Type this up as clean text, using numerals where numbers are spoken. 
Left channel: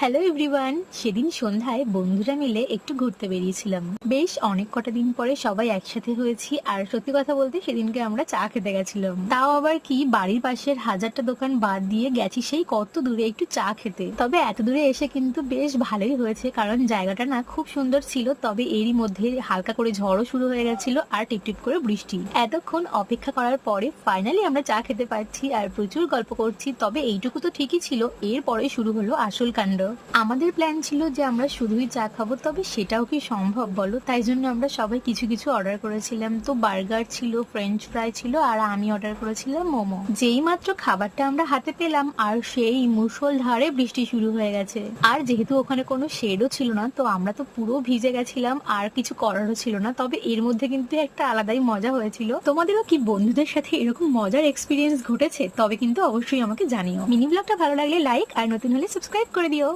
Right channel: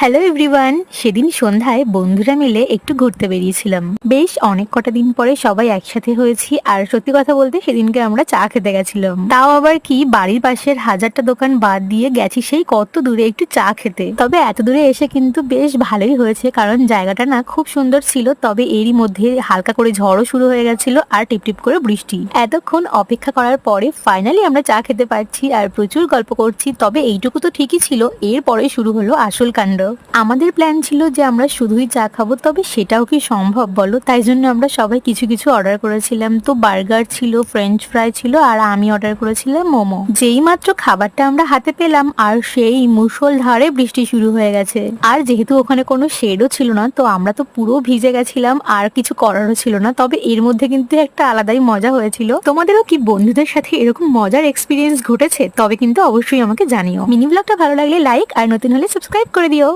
Hello everyone. সেদিন সন্ধ্যায় বন্ধুরা মিলে একটু ঘুরতে বেরিয়েছিলাম। বেশ অনেক কটা দিন পরে সবাই একসাথে হয়েছি, আর সত্যি কথা বলতে সেদিনকে আমরা চা খেতে গেছিলাম। তাও আবার কি, বাড়ির পাশের হাজারটা দোকান বাদ দিয়ে গেছি সেই কত দূরে একটু চা খেতে। তবে এত দূরে এসে কিন্তু বেশ ভালোই হয়েছে, কারণ জায়গাটা না খুব সুন্দর ছিল। তবে এরই মধ্যে হালকা করে ঝড়ও শুরু হয়ে গেছিল আর টিপটিপ করে বৃষ্টি। এতক্ষণ অপেক্ষা করার পরে ফাইনালি আমরা চা খেতে পারছি আর প্রচুর গল্প করছি। তবে এইটুকু তো ঠিকই ছিল, এরপরে শুরু হলো আসল কাণ্ড। আমাদের প্ল্যান ছিল যে আমরা শুধুই চা খাবো, তবে সেটাও কি সম্ভব বলো? তাই জন্য আমরা সবাই কিছু কিছু অর্ডার করেছিলাম। তো বার্গার ছিল, ফ্রেঞ্চ ফ্রাই ছিল, আর আমি অর্ডার করেছিলাম মোমো। যেই মাত্র খাবারটা আমরা হাতে পেলাম আর সেই মুষলধারে বৃষ্টি শুরু হয়ে গেছে। আর যেহেতু ওখানে কোনো শেডও ছিল না, তো আমরা তো পুরো ভিজে গেছিলাম আর কিছু করারও ছিল না। তবে এর মধ্যে কিন্তু একটা আলাদাই মজা হয়েছিল। তোমাদেরও কি বন্ধুদের সাথে এরকম মজার এক্সপিরিয়েন্স ঘটেছে? তবে কিন্তু অবশ্যই আমাকে জানিও। মিনি ব্লগটা ভালো লাগলে লাইক, আর নতুন হলে সাবস্ক্রাইব করে দিও।